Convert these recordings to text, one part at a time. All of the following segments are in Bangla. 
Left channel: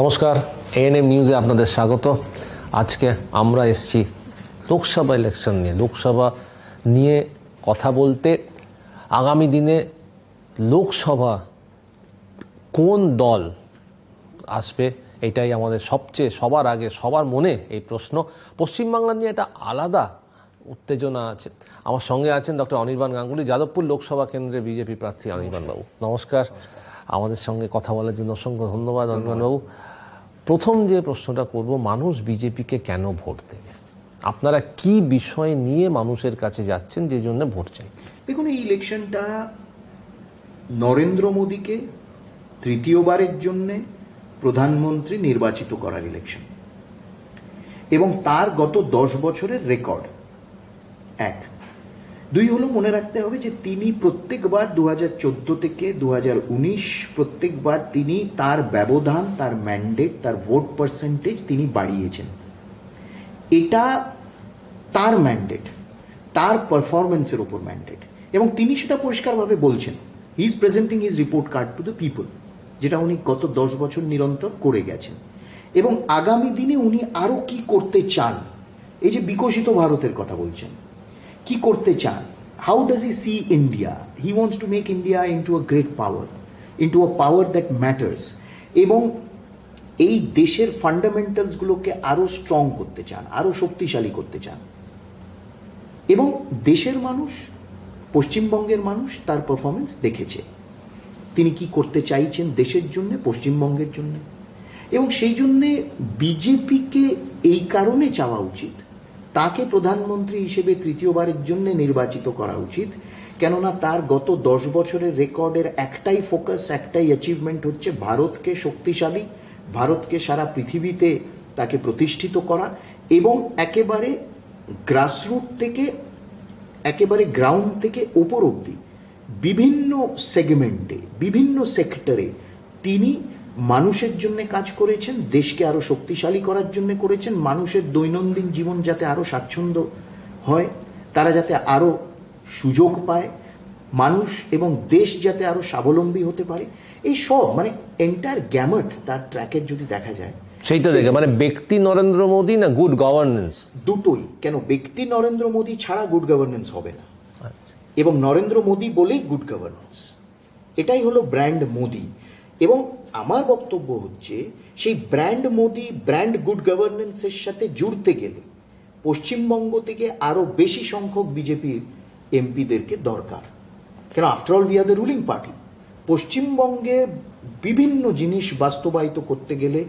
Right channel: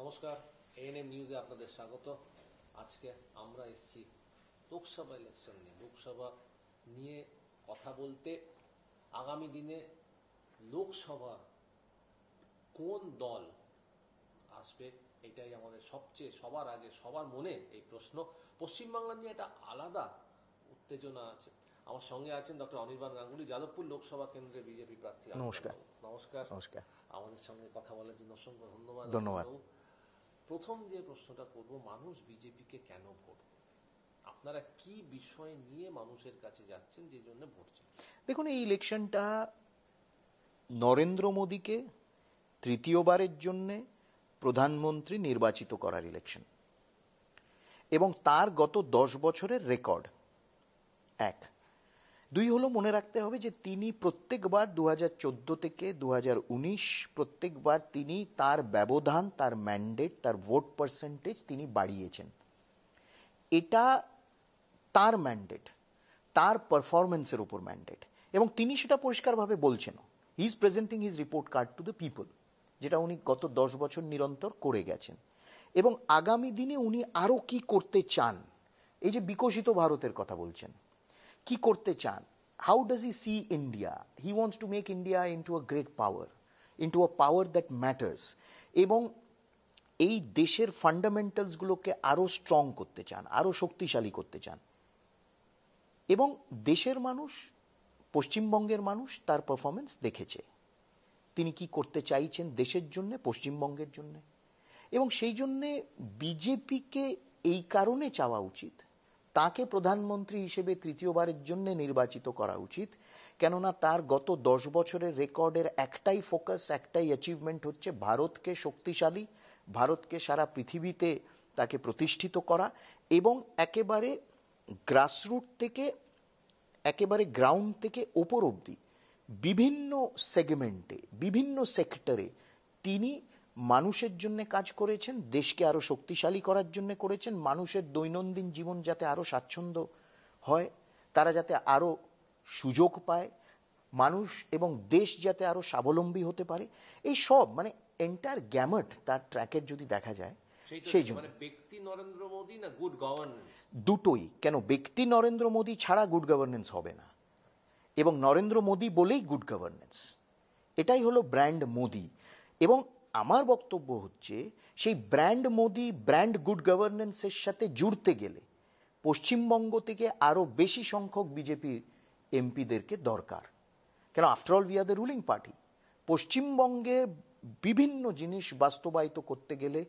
নমস্কার, এএনএম নিউজে আপনাদের স্বাগত। আজকে আমরা এসেছি লোকসভা ইলেকশন নিয়ে, লোকসভা নিয়ে কথা বলতে। আগামী দিনে লোকসভা কোন দল আসবে এটাই আমাদের সবার আগে সবার মনে এই প্রশ্ন। পশ্চিমবাংলা নিয়ে একটা আলাদা উত্তেজনা আছে। আমার সঙ্গে আছেন ডক্টর অনির্বাণ গাঙ্গুলি, যাদবপুর লোকসভা কেন্দ্রে বিজেপি প্রার্থী। অনির্বাণবাবু নমস্কার। আমাদের সঙ্গে কথা বলার জন্য অসংখ্য ধন্যবাদ অনির্বাণবাবু। প্রথম যে প্রশ্নটা করব, মানুষ বিজেপিকে কেন ভোট দেবে? আপনারা কি বিষয় নিয়ে মানুষের কাছে যাচ্ছেন যে জন্য ভোট চাই? দেখুন, এই ইলেকশনটা নরেন্দ্র মোদীকে তৃতীয়বারের জন্য প্রধানমন্ত্রী নির্বাচিত করার ইলেকশন এবং তার গত 10 বছরের রেকর্ড। এক, দুই হলো মনে রাখতে হবে যে তিনি প্রত্যেকবার 2014 থেকে 2019 প্রত্যেকবার তিনি তার ব্যবধান, তার ম্যান্ডেট, তার ভোট পার্সেন্টেজ তিনি বাড়িয়েছেন। এটা তার ম্যান্ডেট, তার পারফরমেন্সের উপর ম্যান্ডেট, এবং তিনি সেটা পরিষ্কারভাবে বলছেন। He is presenting his report card to the people, যেটা উনি গত 10 বছর নিরন্তর করে গেছেন। এবং আগামী দিনে উনি আরও কি করতে চান, এই যে বিকশিত ভারতের কথা বলছেন, কি করতে চান, how does he she India? He wants to make India into a great power, into a power that matters, এবং এই দেশের ফান্ডামেন্টালসগুলোকে আরও স্ট্রং করতে চান, আরও শক্তিশালী করতে চান। এবং দেশের মানুষ, পশ্চিমবঙ্গের মানুষ তার পারফরমেন্স দেখেছে। তিনি কি করতে চাইছেন দেশের জন্য, পশ্চিমবঙ্গের জন্য। এবং সেই জন্যে বিজেপিকে এই কারণে চাওয়া উচিত, তাকে প্রধানমন্ত্রী হিসেবে তৃতীয়বারের জন্য নির্বাচিত করা উচিত। কেননা তার গত 10 বছরের রেকর্ডের একটাই ফোকাস, একটাই অ্যাচিভমেন্ট হচ্ছে ভারতকে শক্তিশালী, ভারতকে সারা পৃথিবীতে তাকে প্রতিষ্ঠিত করা, এবং একেবারে গ্রাসরুট থেকে, একেবারে গ্রাউন্ড থেকে ওপর অবধি বিভিন্ন সেগমেন্টে, বিভিন্ন সেক্টরে তিনি মানুষের জন্য কাজ করেছেন, দেশকে আরও শক্তিশালী করার জন্য করেছেন। মানুষের দৈনন্দিন জীবন যাতে আরও স্বাচ্ছন্দ্য হয়, তারা যাতে আরও সুযোগ পায়, মানুষ এবং দেশ যাতে আরও স্বাবলম্বী হতে পারে, এই সব মানে এন্টায়ার গ্যামট তার ট্র্যাকের যদি দেখা যায়, সেইটা দেখে মানে ব্যক্তি নরেন্দ্র মোদী না গুড গভর্নেন্স? দুটোই। কেন, ব্যক্তি নরেন্দ্র মোদী ছাড়া গুড গভর্নেন্স হবে না, এবং নরেন্দ্র মোদী বলেই গুড গভর্নেন্স। এটাই হলো ব্র্যান্ড মোদী। এবং আমার বক্তব্য হচ্ছে, সেই ব্র্যান্ড মোদী, ব্র্যান্ড গুড গভর্নেন্সের সাথে জুড়তে গেলে পশ্চিমবঙ্গ থেকে আরও বেশি সংখ্যক বিজেপির এমপিদেরকে দরকার। কেন, after all we are the ruling party. পশ্চিমবঙ্গে বিভিন্ন জিনিস বাস্তবায়িত করতে গেলে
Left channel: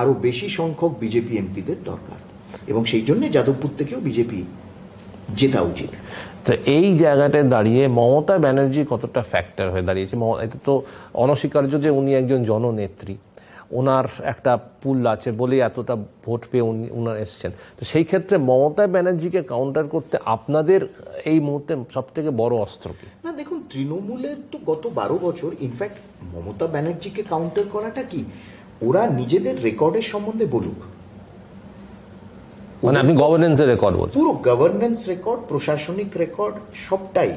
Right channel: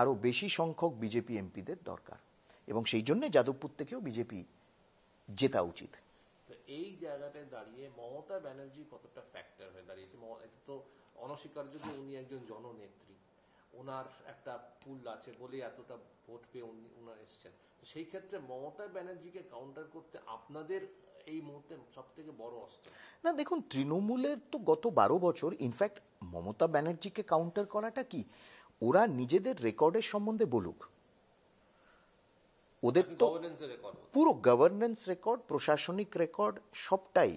আরও বেশি সংখ্যক বিজেপি এমপিদের দরকার, এবং সেই জন্যে যাদবপুর থেকেও বিজেপি জেতা উচিত। তো এই জায়গাটায় দাঁড়িয়ে মমতা ব্যানার্জি কতটা ফ্যাক্টর হয়ে দাঁড়িয়েছে? এটা তো অনস্বীকার্য যে উনি একজন জননেত্রী, ওনার একটা পুল আছে বলেই এতটা ভোট পেয়ে উনার এসছেন। তো সেই ক্ষেত্রে মমতা ব্যানার্জিকে কাউন্টার করতে আপনাদের এই মুহূর্তে সব থেকে বড় অস্ত্র কি? না দেখুন, তৃণমূলের তো গত 12 বছর, ইনফ্যাক্ট মমতা ব্যানার্জিকে কাউন্টার করাটা কি, ওরা নিজেদের রেকর্ডের সম্বন্ধে বলুক। মানে আপনি গভর্নেন্সের রেকর্ড বলছেন? পুরো গভর্নেন্স রেকর্ড, প্রশাসনিক রেকর্ড সবটাই,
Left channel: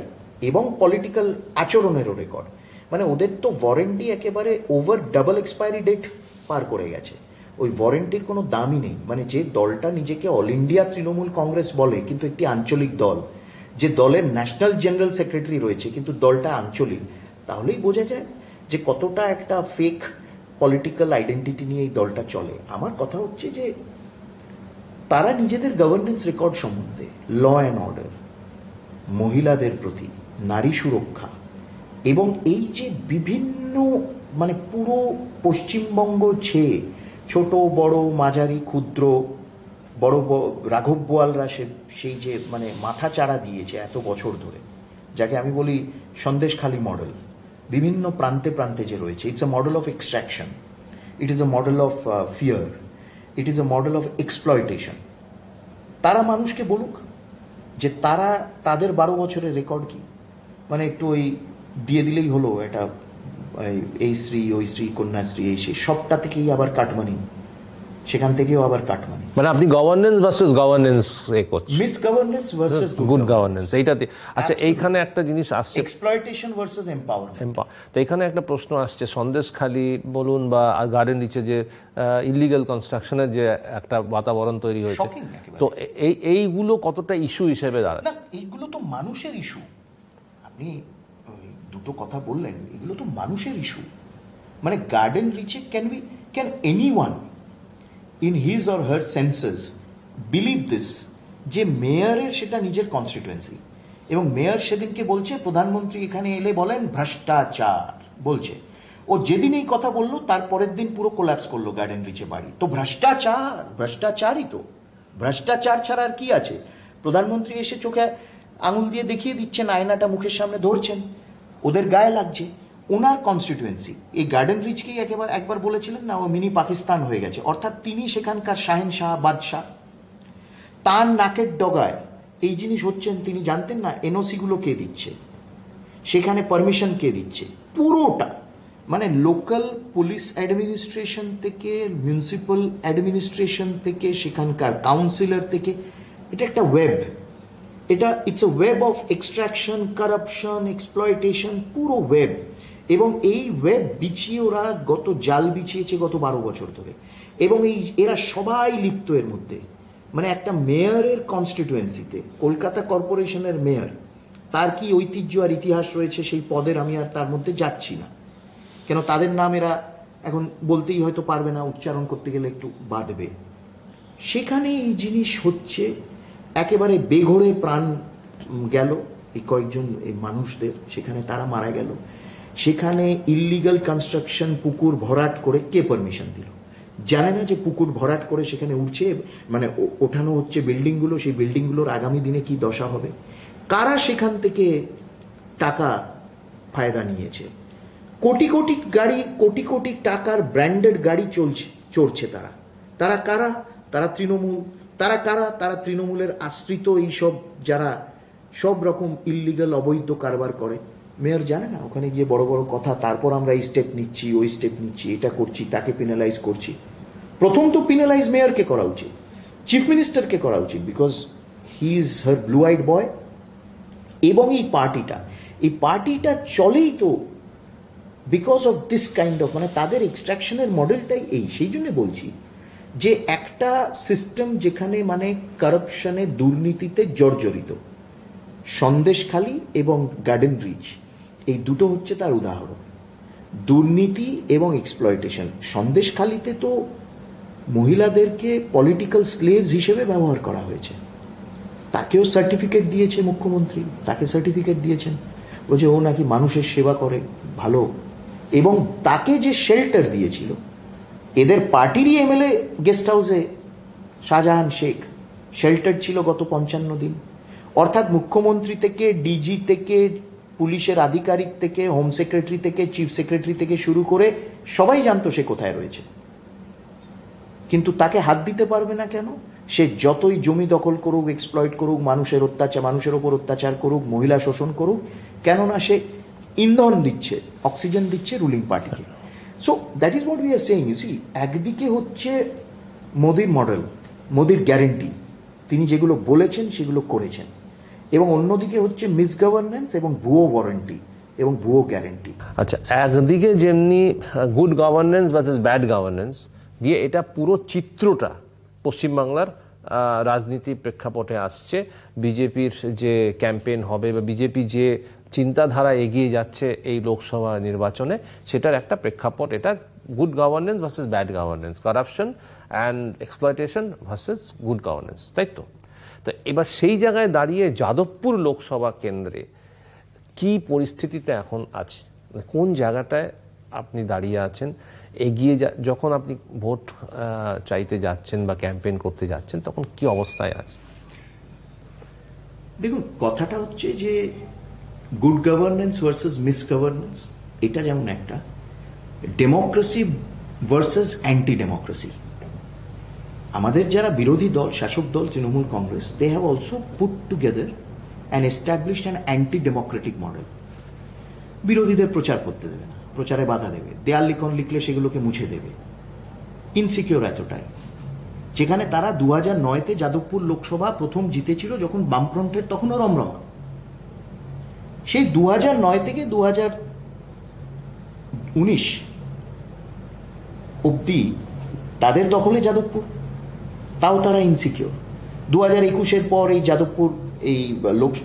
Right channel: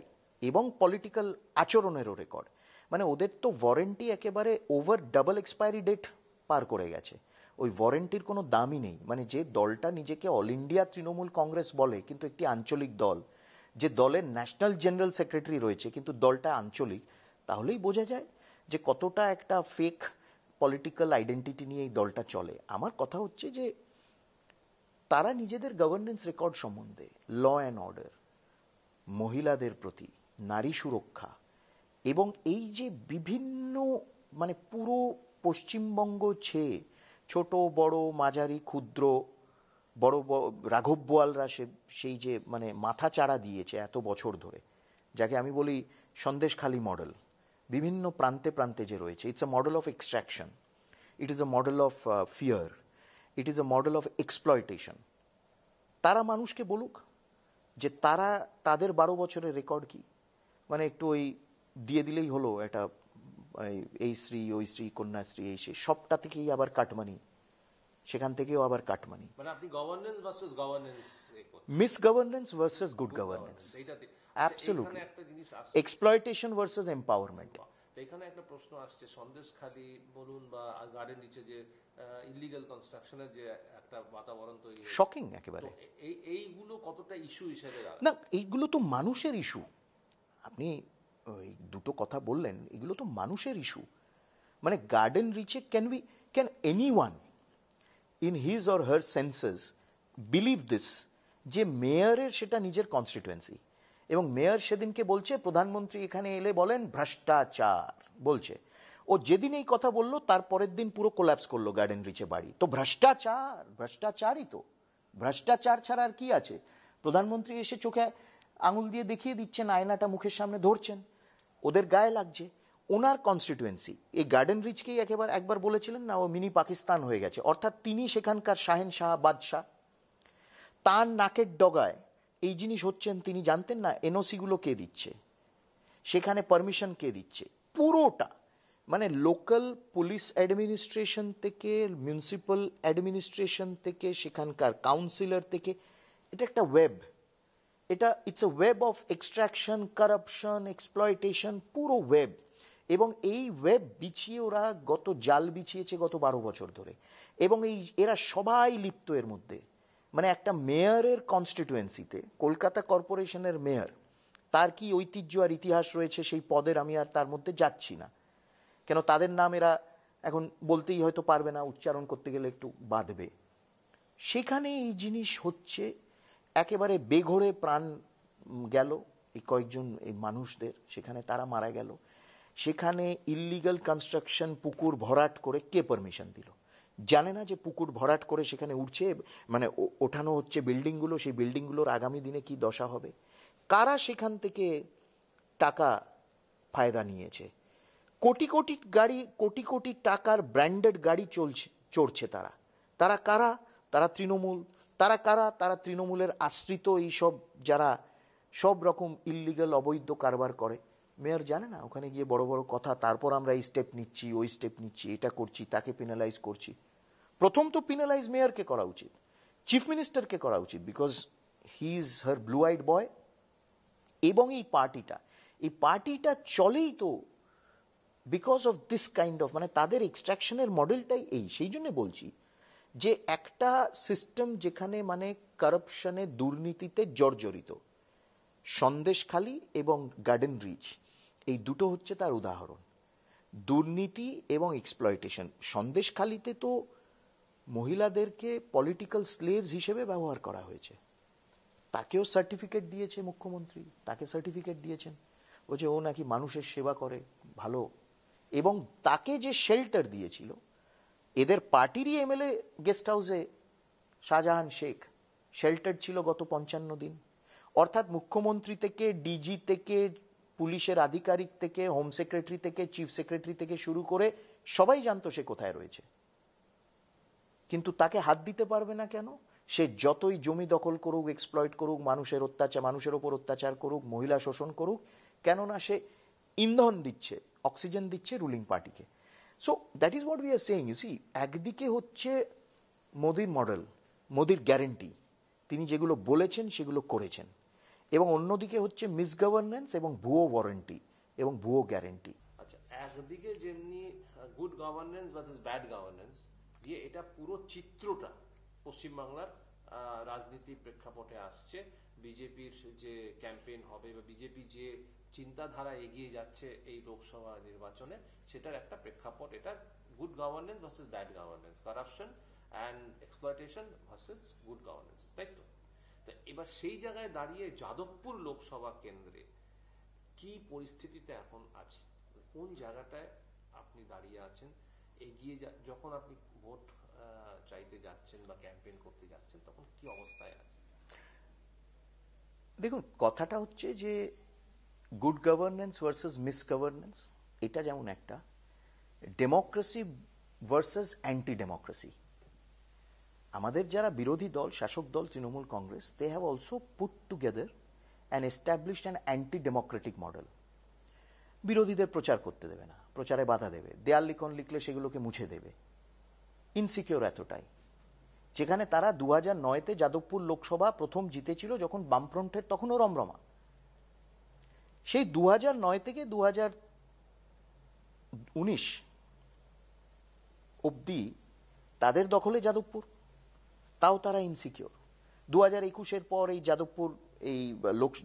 এবং পলিটিক্যাল আচরণেরও রেকর্ড। মানে ওদের তো ওয়ারেন্টি একেবারে ওভার ডাবল এক্সপায়ারি ডেট পার করে গেছে। ওই ওয়ারেন্টির কোনো দামই নেই। মানে যে দলটা নিজেকে অল ইন্ডিয়া তৃণমূল কংগ্রেস বলে কিন্তু একটি আঞ্চলিক দল, যে দলের ন্যাশনাল জেনারেল সেক্রেটারি রয়েছে কিন্তু দলটা আঞ্চলিক, তাহলেই বোঝা যায় যে কতটা একটা ফেক পলিটিক্যাল আইডেন্টিটি নিয়ে এই দলটা চলে। আমার কথা হচ্ছে যে তারা নিজেদের গভর্নেন্স রেকর্ড সম্বন্ধে, ল অ্যান্ড অর্ডার, মহিলাদের প্রতি, নারী সুরক্ষা, এবং এই যে বিভিন্ন মানে পুরো পশ্চিমবঙ্গ ছেয়ে ছোট বড় মাঝারি ক্ষুদ্র বড় রাঘব বোয়ালরা সেই যে মানে মাথা চাড়া দিয়েছে এত বছর ধরে, যাকে আমি বলি সন্দেশখালী মডেল, বিভিন্ন প্রান্তে প্রান্তে যে রয়েছে, it's a model of extraction, it is a model of fear, it is a model of exploitation. তারা মানুষকে বলুক যে তারা তাদের 12 বছরের রেকর্ড কি। মানে একটু ওই দিয়ে দিলেই হলো, এটা এই শ্রী, ওই শ্রী, কন্যাশ্রী, এই সেই সবটা থেকেই আবার কাটমানি, সেখান থেকেও আবার কাটমানি। মানে আপনি গভর্নেন্স ভার্সেস গভর্নেন্স করছেন, miss governance versus good governance, এইটাতে। আচ্ছা, এইখানে একটা জিনিস আসছে, এক্সপ্লয়টেশন ভার্সেস এম্পাওয়ারমেন্ট। তো এখানে একটা প্রশ্ন আসছে, সন্দেশখালি বলুন বা গার্ডেন রিচে যে ইলিগাল কনস্ট্রাকশনের যে একটা বাতাবরণ তৈরি হয়েছে, তো এইগুলো কতটা ইস্যু হিসেবে দাঁড়ায়? না, এইগুলো তো মানুষের ইস্যু। আপনি দুটো কথা বললেন, এগুলো তো মানুষের ইস্যু। মানে গার্ডেন রিচে can anyone in his or her senses believe this যে মেয়রের সেটা নিজের কনস্টিটুয়েন্সি, এবং মেয়র সেদিনকে বলছে প্রধানমন্ত্রী এখানে এলে বলেন ভ্রষ্টাচার বলছে। ও যেদিন এই কথা বললো তার পরের দিন পুরো কোল্যাপস করলো গার্ডেন রিচে বাড়ি। তো ভ্রষ্টাচারই তো, ভ্রষ্টাচার ছাড়া আর কি আছে? প্রধানমন্ত্রী এসে চোখে আঙুল দিয়ে দেখিয়ে দিচ্ছেন, আয়নাটা মুখের সামনে ধরছেন, ওদের গায়ে লাগছে। ওনার কনস্টিটুয়েন্সি এই গার্ডেন রিচকেই একবার বলেছিলেন না, ও মিনি পাকিস্তান হয়ে গেছে, অর্থাৎ তিনি সেখানকার শাহেনশাহ, বাদশাহ। তার নাকের ডগায় এই জিনিস হচ্ছেন, তিনি জানতেন না এনওসিগুলো কে দিচ্ছে, সেখানে পারমিশন কে দিচ্ছে, পুরোটা। মানে লোকাল পুলিশ অ্যাডমিনিস্ট্রেশন থেকে, মিউনিসিপ্যাল অ্যাডমিনিস্ট্রেশন থেকে, সেখানকার কাউন্সিলর থেকে, এটা একটা web. It's a web of extraction, corruption, exploitation, পুরো ওয়েব। এবং এই ওয়েব বিছিয়ে ওরা জাল বিছিয়েছে গত 12 বছর ধরে, এবং এরা সবাই লিপ্ত এর মধ্যে। মানে একটা মেয়রের কনস্টিটুয়েন্সিতে, কলকাতা কর্পোরেশনের মেয়র, তার কি ঐতিহ্য আর ইতিহাস রয়েছে সেই পদের, আমি আর তার মধ্যে যাচ্ছি না, কেন তাদের নাম এরা এখন বলতেই হয়তো পারবে না, উচ্চারণ করতে গেলে একটু বাধবে। সেখানে এই জিনিস হচ্ছে, একেবারে বেঘোরে প্রাণ গেল এই কয়েকজন এই মানুষদের, সেখানে তারা মারা গেল। সেখানে ইললিগাল কনস্ট্রাকশন, পুকুর ভরাট করে কে পারমিশন দিল? জানে না যে পুকুর ভরাট করে সেখানে উঠছে, মানে ওঠানো হচ্ছে বিল্ডিংগুলো, সেই বিল্ডিংগুলোর আগামী দিনে কি দশা হবে? কারা সেখান থেকে টাকা ফায়দা নিয়েছে? কোটি কোটি গাড়ি, কোটি কোটি টাকার ব্র্যান্ডেড গাড়ি চড়ছে তারা কারা? তারা তৃণমূল। তারা কারা? তারা তৃণমূলের আশ্রিত এইসব যারা সব রকম ইললিগাল অবৈধ কারবার করে। মেয়র জানে না, ওখানে গিয়ে বড় বড় কথা, তারপর আমরা এই স্টেপ নিচ্ছি, ওই স্টেপ নিচ্ছি, এটা করছি, তাকে পেনালাইজ করছি। প্রথম তো পেনালাইজ মেয়রকে করা উচিত, চিফ মিনিস্টারকে করা উচিত, because he is her blue I'd বয়। এবং এই পার্টিটা চলেই তো because of this kind of, মানে তাদের এক্সট্রাকশনের মডেলটাই এই। সেই জন্য বলছি যে একটা সিস্টেম যেখানে মানে কারাপশনে, দুর্নীতিতে জর্জরিত, সন্দেশখালি এবং গার্ডেন রিচ, এই দুটো হচ্ছে তার উদাহরণ। দুর্নীতি এবং এক্সপ্লয়টেশন। সন্দেশখালিতে তো মহিলাদেরকে পলিটিক্যাল স্লেভস হিসেবে ব্যবহার করা হয়েছে, তাকেও সার্টিফিকেট দিয়েছে মুখ্যমন্ত্রী, তাকে সার্টিফিকেট দিয়েছেন, বলছে ও নাকি মানুষের সেবা করে ভালো। এবং তাকে যে শেল্টার দিয়েছিল, এদের পার্টিরই এমএলএ গেস্ট হাউসে শাহজাহান শেখ শেল্টার ছিল গত 55 দিন। অর্থাৎ মুখ্যমন্ত্রী থেকে, ডিজি থেকে, পুলিশের আধিকারিক থেকে, হোম সেক্রেটারি থেকে, চিফ সেক্রেটারি থেকে শুরু করে সবাই জানতো সে কোথায় রয়েছে। কিন্তু তাকে হাত দিতে পারবে না কেন? সে যতই জমি দখল করুক, এক্সপ্লয়েট করুক, মানুষের ওপর অত্যাচার করুক, মহিলা শোষণ করুক, কেননা সে ইন্ধন দিচ্ছে, অক্সিজেন দিচ্ছে রুলিং পার্টিকে। So that is what we are saying. You see, একদিকে হচ্ছে মোদির মডেল, মোদির গ্যারেন্টি, তিনি যেগুলো বলেছেন সেগুলো করেছেন, এবং অন্যদিকে হচ্ছে মিসগভর্নেন্স এবং ভুয়ো ওয়ারেন্টি এবং ভুয়ো গ্যারেন্টি। আচ্ছা, একদিকে যেমনি good governance versus bad governance দিয়ে এটা পুরো চিত্রটা পশ্চিমবাংলার রাজনীতি প্রেক্ষাপটে আসছে, বিজেপির যে ক্যাম্পেইন হবে বা বিজেপি যে চিন্তাধারা এগিয়ে যাচ্ছে এই লোকসভা নির্বাচনে, সেটার একটা প্রেক্ষাপট এটা good governance versus bad governance, corruption and exploitation versus good governance, তাই তো? তো এবার সেই জায়গায় দাঁড়িয়ে যাদবপুর লোকসভা কেন্দ্রে কি পরিস্থিতিতে এখন আছে, কোন জায়গাটায় আপনি দাঁড়িয়ে আছেন? এগিয়ে যখন আপনি ভোট চাইতে যাচ্ছেন বা ক্যাম্পেইন করতে যাচ্ছেন, তখন কি অবস্থায় আছে? দেখুন, কথাটা হচ্ছে যে গুড গভর্নেন্স ভার্সেস মিসগভর্নেন্স, এটা যেমন একটা ডেমোক্রেসি ভার্সেস অ্যান্টি ডেমোক্রেসি। আমাদের যারা বিরোধী দল, শাসক দল Trinamool Congress, they have also put together and established an anti democratic model. বিরোধীদের প্রচার করতে দেবে না, প্রচারে বাধা দেবে, দেয়াল লিখন লিখলে সেগুলোকে মুছে দেবে, ইনসিকিউর এতটাই। যেখানে তারা 2009-তে যাদবপুর লোকসভা প্রথম জিতেছিল, যখন বামফ্রন্টের তখনও রমরমা। সেই 2009 থেকে 2019 অব্দি তাদের দখলে যাদবপুর, তাও তারা ইনসিকিউর। 2021-এর পর এই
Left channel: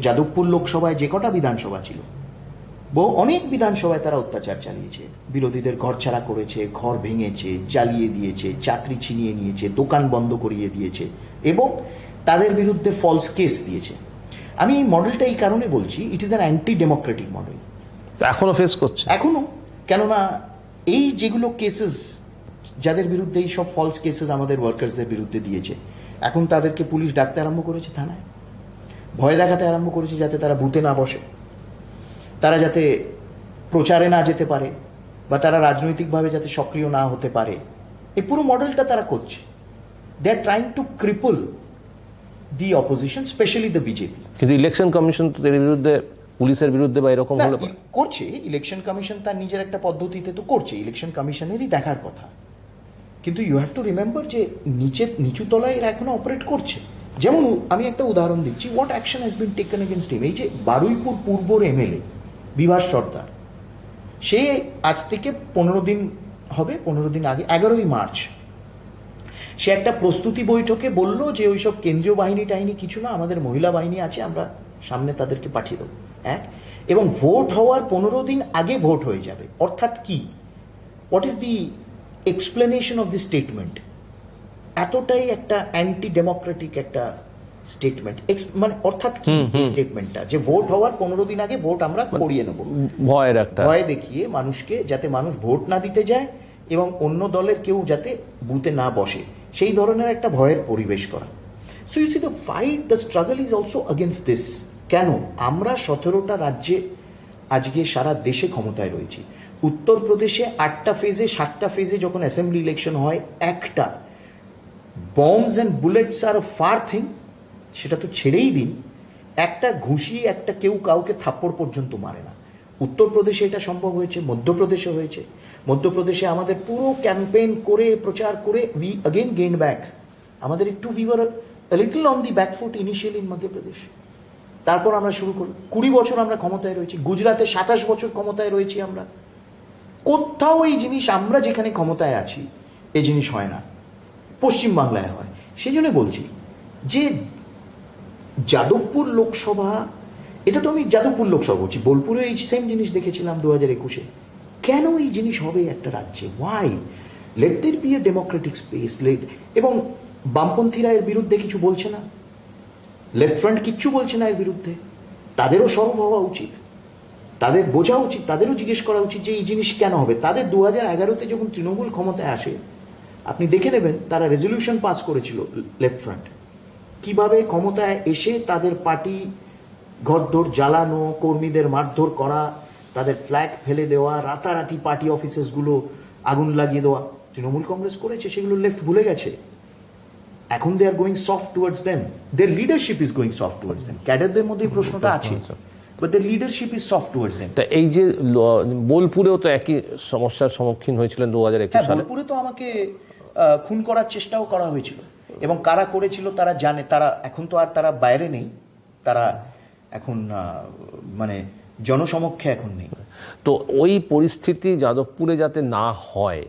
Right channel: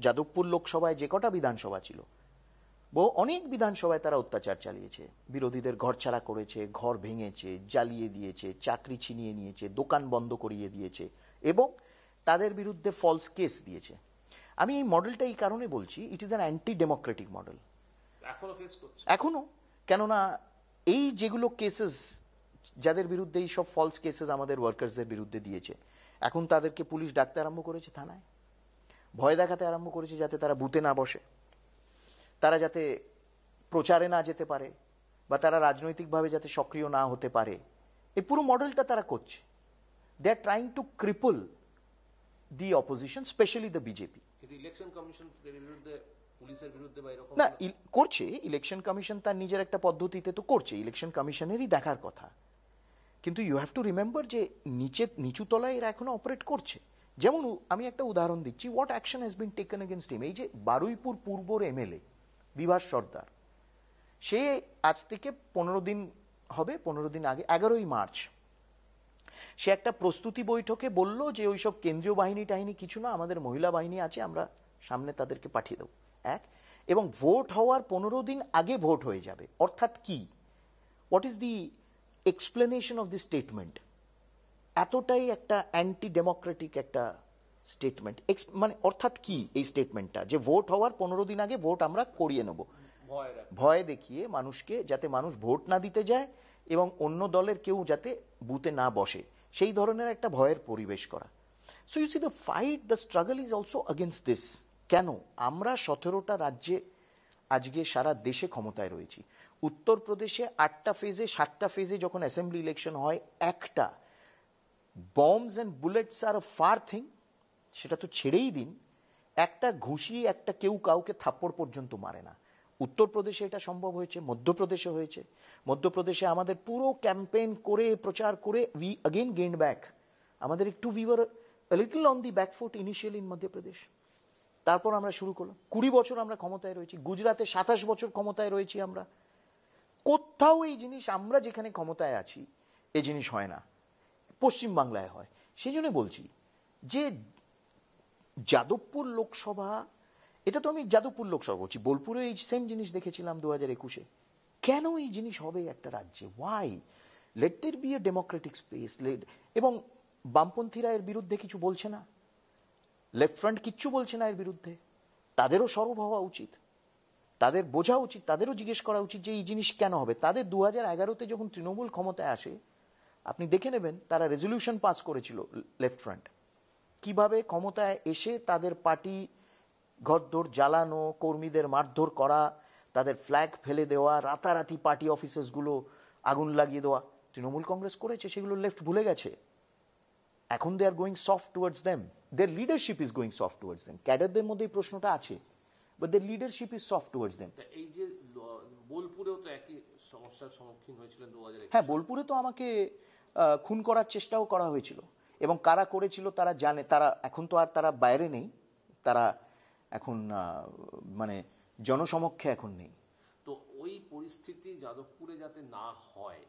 যাদবপুর লোকসভায় যে কটা বিধানসভা ছিল, অনেক বিধানসভায় তারা অত্যাচার চালিয়েছে, বিরোধীদের ঘরছাড়া করেছে, ঘর ভেঙেছে, জ্বালিয়ে দিয়েছে, চাকরি ছিনিয়ে নিয়েছে, দোকান বন্ধ করিয়ে দিয়েছে এবং তাদের বিরুদ্ধে ফলস কেস দিয়েছে। আমি এই মডেলটা এই কারণে বলছি, it is an anti democratic model. এখনো ফেস করছে, এখনো। কেননা এই যেগুলো কেসেস, যাদের বিরুদ্ধে এই সব ফলস কেসেস আমাদের ওয়ার্কার্সদের বিরুদ্ধে দিয়েছে, এখন তাদেরকে পুলিশ ডাকতে আরম্ভ করেছে থানায়, ভয় দেখাতে আরম্ভ করেছে যাতে তারা বুথে না বসে, তারা যাতে প্রচারে না যেতে পারে, বা তারা রাজনৈতিকভাবে যাতে সক্রিয় না হতে পারে। এই পুরো মডেলটা তারা করছে। They are trying to cripple the opposition, specially the BJP. কিন্তু ইলেকশন কমিশন তো এর বিরুদ্ধে, পুলিশের বিরুদ্ধে বা এরকম হলে করছে। ইলেকশন কমিশন তার নিজের একটা পদ্ধতিতে তো করছে, ইলেকশন কমিশনেরই দেখার কথা। কিন্তু ইউ হ্যাভ টু রিমেম্বার যে নিচু তলায় এরা এখনো অপারেট করছে। যেমন আমি একটা উদাহরণ দিচ্ছি, what action has been taken against him. এই যে বারুইপুর পূর্বর এমএলএ বিভাস সর্দার, সে আজ থেকে 15 দিন হবে, 15 দিন আগে 11ই মার্চ সে একটা প্রস্তুতি বৈঠকে বলল যে ওইসব কেন্দ্রীয় বাহিনী টাহিনী কিছু না, আমাদের মহিলা বাহিনী আছে, আমরা সামনে তাদেরকে পাঠিয়ে দেবো। এবং ভোট হওয়ার 15 দিন আগে ভোট হয়ে যাবে। অর্থাৎ কি, what is the explanation of the statement? এতটাই একটা অ্যান্টি ডেমোক্রেটিক একটা স্টেটমেন্ট। মানে অর্থাৎ কি এই স্টেটমেন্টটা, যে ভোট হওয়ার 15 দিন আগে ভোট আমরা করিয়ে নেব, ভয়ের একটা ভয় দেখিয়ে মানুষকে, যাতে মানুষ ভোট না দিতে যায় এবং অন্য দলের কেউ যাতে বুথে না বসে, সেই ধরনের একটা ভয়ের পরিবেশ করা। So you see the fight, the struggle is also against this. কেন? আমরা 17টা রাজ্যে আজকে সারা দেশে ক্ষমতায় রয়েছি। উত্তরপ্রদেশে 8টা ফেজে, 7টা ফেজে যখন অ্যাসেম্বলি ইলেকশন হয়, একটা bombs and bullets are a far thing, সেটা তো ছেড়েই দিন, একটা ঘুষি, একটা কেউ কাউকে থাপ্পড় পর্যন্ত মারে না। উত্তরপ্রদেশে এটা সম্ভব হয়েছে, মধ্যপ্রদেশে হয়েছে। মধ্যপ্রদেশে আমাদের পুরো ক্যাম্পেইন করে, প্রচার করে, উই অগেন গেইন ব্যাক। আমাদের একটু we were a little on the back foot initially in Madhya Pradesh. তারপর আমরা শুরু করি, 20 বছর আমরা ক্ষমতায় রয়েছি। গুজরাটে 27 বছর ক্ষমতায় রয়েছি আমরা। কোথাও এই জিনিস, আমরা যেখানে ক্ষমতায় আছি এই জিনিস হয় না, পশ্চিমবাংলায় হয়। সেই জন্য বলছি যে যাদবপুর লোকসভা, এটা তো আমি যাদবপুর লোকসভা বলছি, বোলপুরে এই সেম জিনিস দেখেছিলাম 2021-এ। কেন এই জিনিস হবে একটা রাজ্যে? Why? Let there be a democratic space. এবং বামপন্থীরা এর বিরুদ্ধে কিছু বলছে না, লেফট ফ্রন্ট কিচ্ছু বলছে না এর বিরুদ্ধে। তাদেরও সরব হওয়া উচিত, তাদের বোঝা উচিত, তাদেরও জিজ্ঞেস করা উচিত যে এই জিনিস কেন হবে। তাদের 2011-তে যখন তৃণমূল ক্ষমতায় আসে, আপনি দেখে নেবেন তারা রেজলিউশন পাস করেছিল লেফট ফ্রন্ট, কিভাবে ক্ষমতায় এসে তাদের পার্টি ঘরদোর জ্বালানো, কর্মীদের মারধর করা, তাদের ফ্ল্যাগ ফেলে দেওয়া, রাতারাতি পার্টি অফিসেসগুলো আগুন লাগিয়ে দেওয়া তৃণমূল কংগ্রেস করেছে। সেগুলো লেফট ভুলে গেছে। এখন they are going soft towards them, their leadership is going soft towards them. ক্যাডারদের মধ্যে এই প্রশ্নটা আছে, but their leadership is soft towards them. তা এই যে বোলপুরেও তো একই সমস্যার সম্মুখীন হয়েছিলেন 2021 সালে। বোলপুরে তো আমাকে খুন করার চেষ্টাও করা হয়েছিল, এবং কারা করেছিল তারা জানে। তারা এখন তো আর তারা বাইরে নেই, তারা এখন মানে জনসমক্ষে এখন নেই। তো ওই পরিস্থিতি যাদবপুরে যাতে না হয়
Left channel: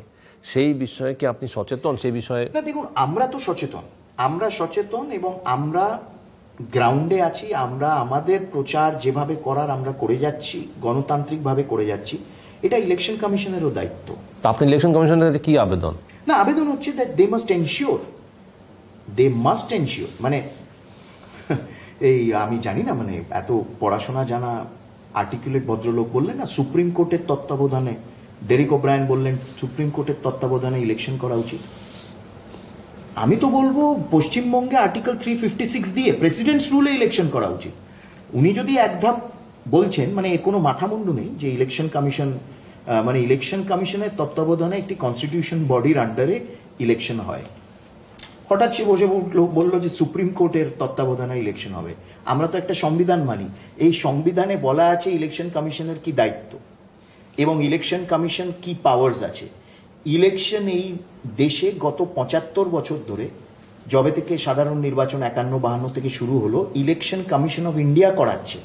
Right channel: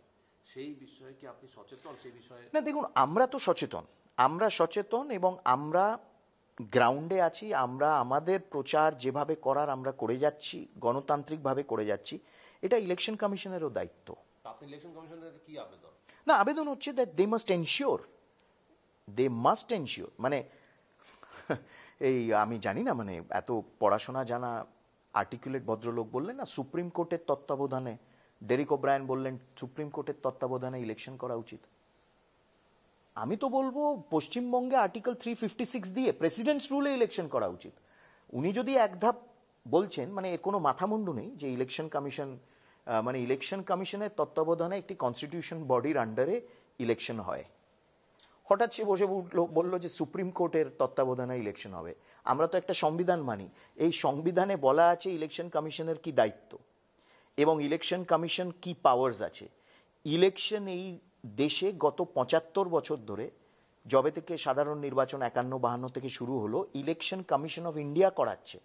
সেই বিষয়ে কি আপনি সচেতন? সেই বিষয়ে না, দেখুন, আমরা তো সচেতন, আমরা সচেতন এবং আমরা গ্রাউন্ডে আছি। আমরা আমাদের প্রচার যেভাবে করার আমরা করে যাচ্ছি, গণতান্ত্রিকভাবে করে যাচ্ছি। এটা ইলেকশন কমিশনেরও দায়িত্ব। তো আপনি ইলেকশন কমিশনের কাছে কি আবেদন? না, আবেদন হচ্ছে দ্যাট দে মাস্ট এনশিওর, মানে এই আমি জানি না, মানে এত পড়াশোনা জানা আর্টিকুলেট ভদ্রলোক বললেন না, সুপ্রিম কোর্টের তত্ত্বাবধানে, ডেরিক ওব্রায়ান বললেন সুপ্রিম কোর্টের তত্ত্বাবধানে ইলেকশন করা উচিত। আমি তো বলবো পশ্চিমবঙ্গে আর্টিকেল 356 দিয়ে প্রেসিডেন্টস রুলে ইলেকশন করা উচিত। উনি যদি এক ধাপ বলছেন, মানে এর কোনো মাথামুন্ডু নেই যে ইলেকশন কমিশন, মানে ইলেকশন কমিশনের তত্ত্বাবধানে একটি কনস্টিটিউশন বডির আন্ডারে ইলেকশন হয়। হঠাৎ সে বসে বললো যে সুপ্রিম কোর্টের তত্ত্বাবধানে ইলেকশন হবে। আমরা তো একটা সংবিধান মানি, এই সংবিধানে বলা আছে ইলেকশন কমিশনের কি দায়িত্ব এবং ইলেকশন কমিশন কি পাওয়ার্স আছে। ইলেকশন এই দেশে গত 75 বছর ধরে যবে থেকে সাধারণ নির্বাচন 51-52 থেকে শুরু হলো, ইলেকশন কমিশন অফ ইন্ডিয়া করাচ্ছে।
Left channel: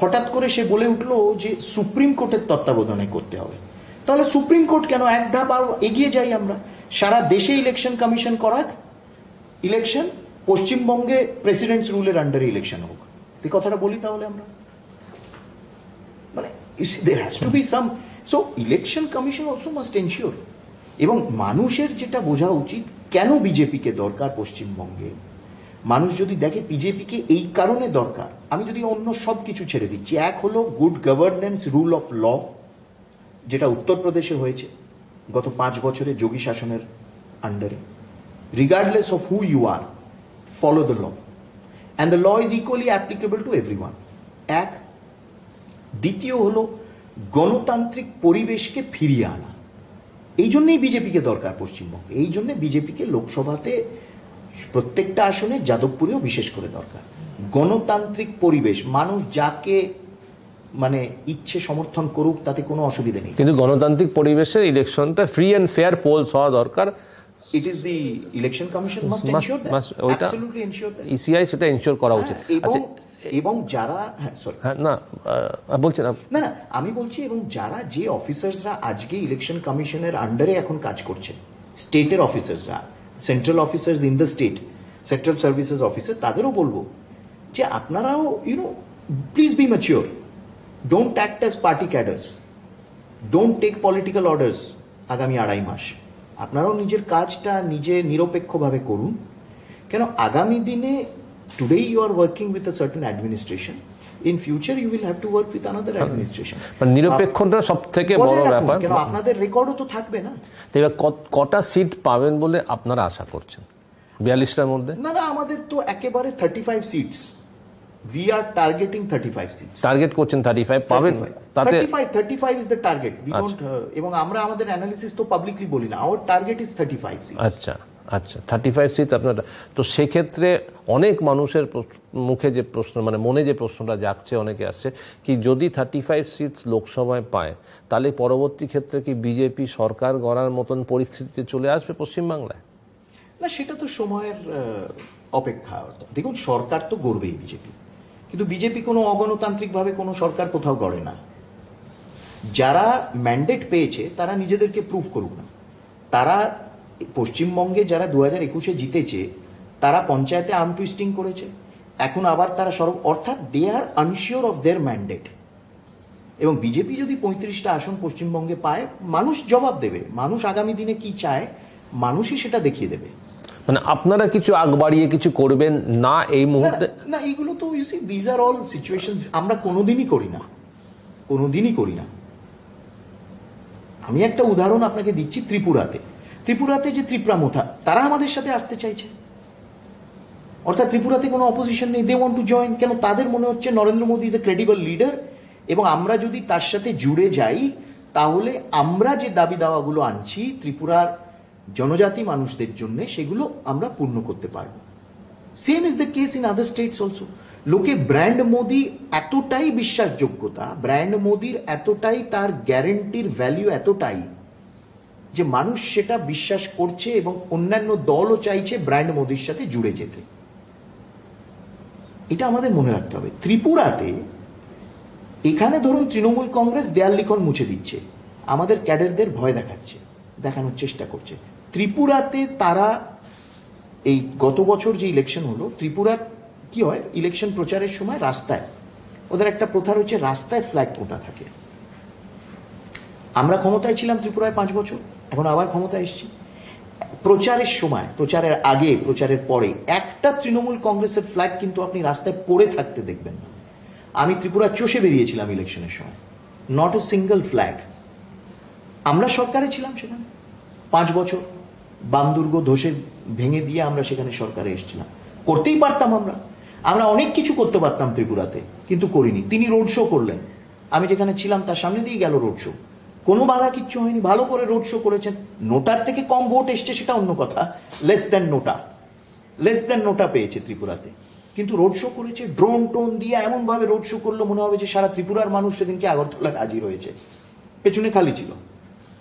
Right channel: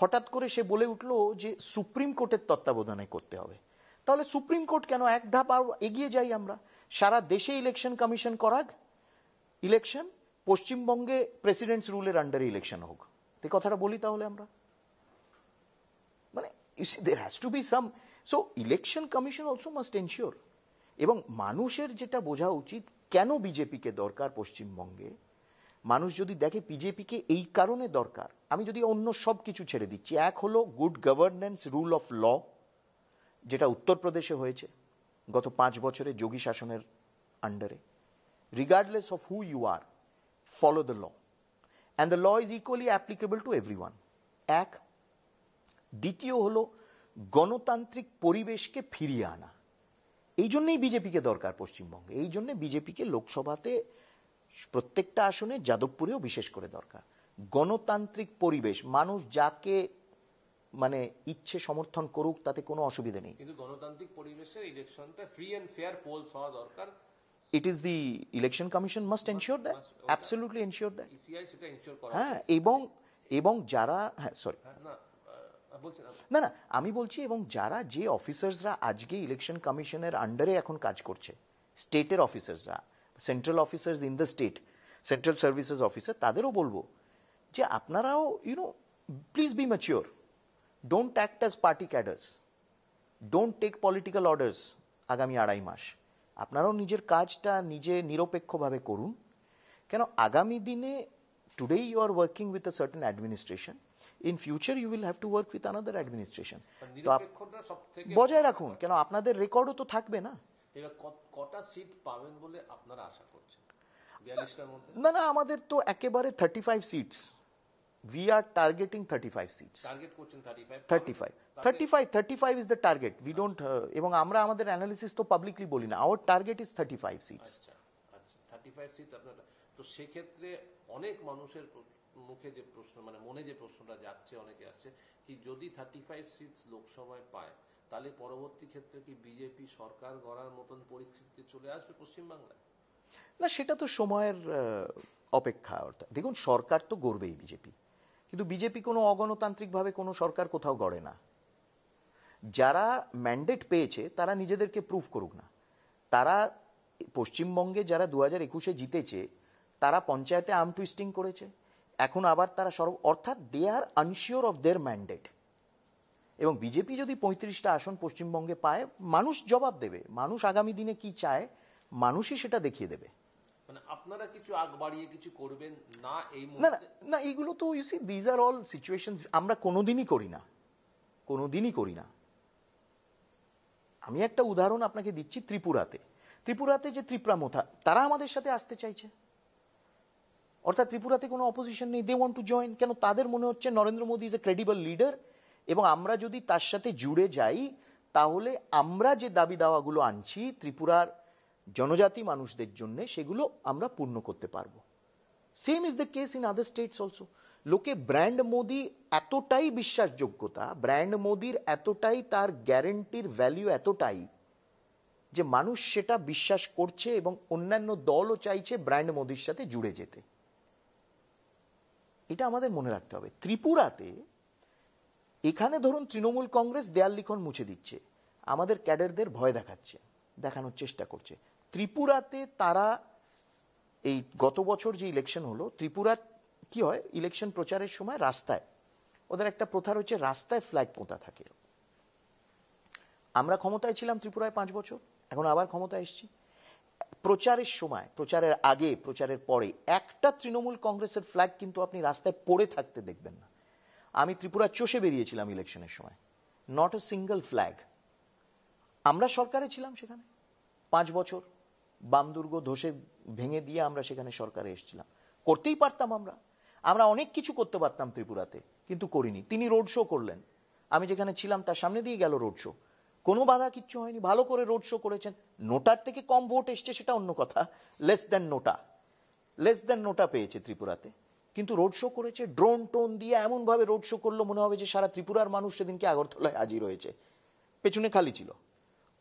হঠাৎ করে সে বলে উঠলো যে সুপ্রিম কোর্টের তত্ত্বাবধানে করতে হবে। তাহলে সুপ্রিম কোর্ট কেন? এক ধাপ আরো এগিয়ে যাই আমরা, সারা দেশে ইলেকশন কমিশন করাক, ইলেকশন পশ্চিমবঙ্গে প্রেসিডেন্টস রুলের আন্ডারে ইলেকশন হোক। এই কথাটা বলি তাহলে আমরা, মানে there has to be some, so election commission also must ensure। এবং মানুষের যেটা বোঝা উচিত, কেন বিজেপিকে দরকার পশ্চিমবঙ্গে, মানুষ যদি দেখে বিজেপিকে এই কারণে দরকার, আমি যদি অন্য সব কিছু ছেড়ে দিচ্ছি, এক হলো good governance, rule of law, যেটা উত্তরপ্রদেশে হয়েছে গত 5 বছরে যোগী শাসনের আন্ডারে, regardless of who you are, follow the law and the law is equally applicable to everyone. এক। দ্বিতীয় হলো গণতান্ত্রিক পরিবেশকে ফিরিয়ে আনা। এই জন্যই বিজেপিকে দরকার পশ্চিমবঙ্গে, এই জন্য বিজেপিকে লোকসভাতে প্রত্যেকটা আসনে, যাদবপুরেও বিশেষ করে দরকার। গণতান্ত্রিক পরিবেশ, মানুষ যাকে মানে ইচ্ছে সমর্থন করুক, তাতে কোনো অসুবিধা নেই, কিন্তু গণতান্ত্রিক পরিবেশে ইলেকশনটা ফ্রি অ্যান্ড ফেয়ার পোলস হওয়া দরকার। It is the election commission must ensure that, absolutely ensure that. ECI সেটা এনশিওর করা উচিত। এবং যারা, সরি, না বলছেন না না, আমি বলছি, এবং যারা, যে অফিসার্সরা আজকে ইলেকশন কমিশনের আন্ডারে এখন কাজ করছে, স্টেটের অফিসার্সরা, central officers in the state, central services officer, তাদেরও বলবো যে আপনারাও please be mature, don't act as party cadres, don't take political orders. আগামী 2.5 মাস আপনারাও নিজের কাজটা নিজে নিরপেক্ষভাবে করুন। কেন আগামী দিনে, today you are working with a certain administration, in future you will have to work with another administration। নিরপেক্ষতা সবথেকে বড় ব্যাপার, কেন আপনাদের রেকর্ডও তো থাকবে না। এবার কটা সিট পাবেন বলে আপনারা আশা করছেন 42টার মধ্যে? না না, আমাদের তো একেবারে 35 seats, we are targeting 35 seats. Target করছেন 35 পাবেন? তাতে 35 is the target, we don't, এবং আমরা আমাদের অ্যানালিসিস তো পাবলিকলি বলি না, our target is 35 সিটস। আচ্ছা আচ্ছা, 35 সিটস আপনারা। তো সেক্ষেত্রে অনেক মানুষের মুখে যে প্রশ্ন, মানে মনে যে প্রশ্নটা জাগছে, অনেকে আসছে কি, যদি 35 সিটস লোকসভায় পায়, তাহলে পরবর্তী ক্ষেত্রে কি বিজেপি সরকার গড়ার মতন পরিস্থিতিতে চলে আসবে পশ্চিমবাংলায়? না, সেটা তো সময়ের অপেক্ষা। দেখুন, সরকার তো গড়বেই বিজেপি, কিন্তু বিজেপি কোনো অগণতান্ত্রিকভাবে কোনো সরকার কোথাও গড়ে না। যারা ম্যান্ডেট পেয়েছে তারা নিজেদেরকে প্রুভ করুক না। তারা পশ্চিমবঙ্গে যারা 2021-এ জিতেছে, তারা পঞ্চায়েতে আর্ম টুইস্টিং করেছে, এখন আবার তারা অর্থাৎ দে আর আনশিওর অফ দেয়ার ম্যান্ডেট। এবং বিজেপি যদি 35টা আসন পশ্চিমবঙ্গে পায়, মানুষ জবাব দেবে। মানুষ আগামী দিনে কি চায়, মানুষই সেটা দেখিয়ে দেবে। মানে আপনারা কিছু আগ বাড়িয়ে কিছু করবেন না এই মুহূর্তে? না, এইগুলো তো you see, these are all situations আমরা কোনোদিনই করি না, কোনোদিনই করি না। আমি একটা উদাহরণ আপনাকে দিচ্ছি। ত্রিপুরাতে যে ত্রিপুরামথা, তারা আমাদের সাথে আসতে চাইছে, অর্থাৎ ত্রিপুরাতে কোনো অপোজিশন নেই, দে ওয়ান্ট টু জয়েন। কেন? তাদের মনে হচ্ছে Narendra Modi is a credible leader, এবং আমরা যদি তার সাথে জুড়ে যাই, তাহলে আমরা যে দাবি দাওয়াগুলো আনছি ত্রিপুরার জনজাতি মানুষদের জন্য, সেগুলো আমরা পূর্ণ করতে পারবো। Same is the case in other states also. লোকে ব্র্যান্ড মোদি এতটাই বিশ্বাসযোগ্যতা, ব্র্যান্ড মোদির এতটাই, তার গ্যারেন্টির ভ্যালু এতটাই, যে মানুষ সেটা বিশ্বাস করছে, এবং অন্যান্য দলও চাইছে ব্র্যান্ড মোদির সাথে জুড়ে যেতে। এটা আমাদের মনে রাখতে হবে। ত্রিপুরাতে, এখানে ধরুন তৃণমূল কংগ্রেস দেয়াল লিখন মুছে দিচ্ছে, আমাদের ক্যাডারদের ভয় দেখানোর চেষ্টা করছে। ত্রিপুরাতে তারা, এই গত বছর যে ইলেকশন হলো, ত্রিপুরার কি হয়, ইলেকশন প্রচারের সময় রাস্তায়, ওদের একটা প্রথা রয়েছে, রাস্তায় ফ্ল্যাগ পোতা থাকে। আমরা ক্ষমতায় ছিলাম ত্রিপুরায় 5 বছর, এখন আবার ক্ষমতায় এসেছি। প্রচারের সময়, প্রচারের আগে, প্রচারের পরে একটা তৃণমূল কংগ্রেসের ফ্ল্যাগ কিন্তু আপনি রাস্তায় পড়ে থাকতে দেখবেন না। আমি ত্রিপুরা চষে বেরিয়েছিলাম ইলেকশনের সময়, নট এ সিঙ্গেল ফ্ল্যাগ। আমরা সরকারে ছিলাম সেখানে 5 বছর, বাম দুর্গ ধসে ভেঙে দিয়ে আমরা সেখানে সরকারে এসেছিলাম। করতেই পারতাম, আমরা অনেক কিছু করতে পারতাম ত্রিপুরাতে, কিন্তু করিনি। তিনি রোড শো করলেন, আমি যেখানে ছিলাম তার সামনে দিয়ে গেল রোড শো, কোনো বাধা কিচ্ছু হয়নি, ভালো করে রোড শো করেছেন। নোটার থেকে কম ভোট এসছে সেটা অন্য কথা, লেস দেন নোটা পেয়েছে ত্রিপুরাতে, কিন্তু রোড শো করেছে, ড্রোন টোন দিয়ে এমন ভাবে রোড শো করলো, মনে হবে যে সারা ত্রিপুরার মানুষ সেদিনকে আগরতলায় হাজির হয়েছে, পেছনে খালি ছিল।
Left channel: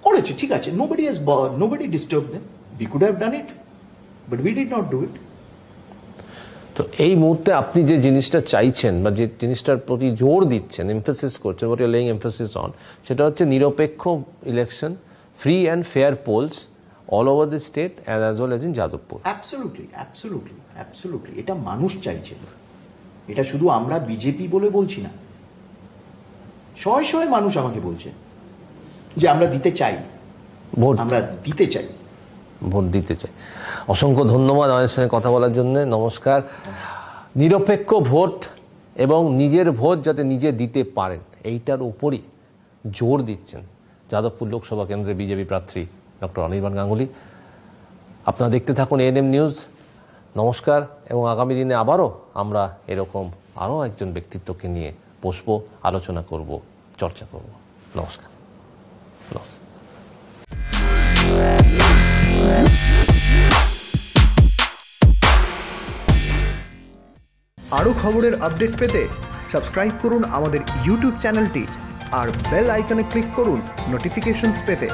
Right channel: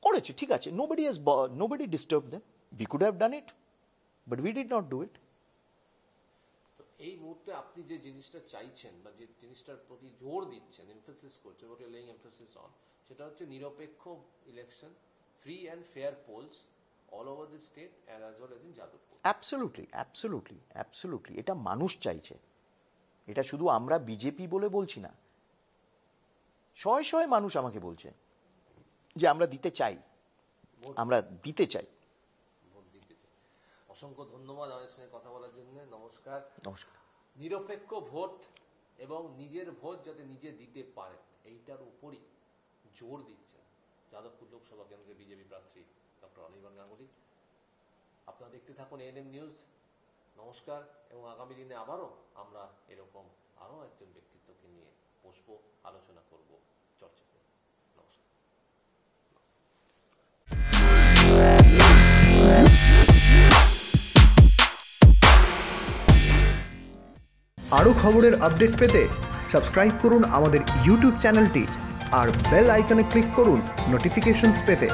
করেছে, ঠিক আছে, nobody disturb them, we could have done it, But we did not do it. তো এই মুহূর্তে আপনি যে জিনিসটা চাইছেন বা যে জিনিসটার প্রতি জোর দিচ্ছেন, এমফেসিস করছেন, what you laying emphasis on, সেটা হচ্ছে নিরপেক্ষ election, free and fair polls all over the state as well as in Jadavpur. Absolutely এটা মানুষ চাইছে। এটা শুধু আমরা বিজেপি বলে বলছি না, শয়ে শয়ে মানুষ আমাকে বলছে যে আমরা দিতে চাই, ভোট ভোট দিতে চাই। অসংখ্য ধন্যবাদ আমাদের সঙ্গে কথা বলার জন্য। নমস্কার। নিরপেক্ষ ভোট এবং নিজের ভোট যাতে নিজে দিতে পারেন, এইটার উপরই জোর দিচ্ছেন যাদবপুর লোকসভা কেন্দ্রের বিজেপি প্রার্থী ডক্টর অনির্বাণ গাঙ্গুলি। আপনারা দেখতে থাকুন এএনএম নিউজ। নমস্কার, এবং আগামী দিনে আবারও আমরা এরকম আরও একজন ব্যক্তিত্বকে নিয়ে বসবো, আলোচনা করব, চর্চা করব। নমস্কার। আরও খবরের আপডেট পেতে সাবস্ক্রাইব করুন আমাদের ইউটিউব চ্যানেলটি আর বেল আইকনে ক্লিক করুন নোটিফিকেশনস পেতে।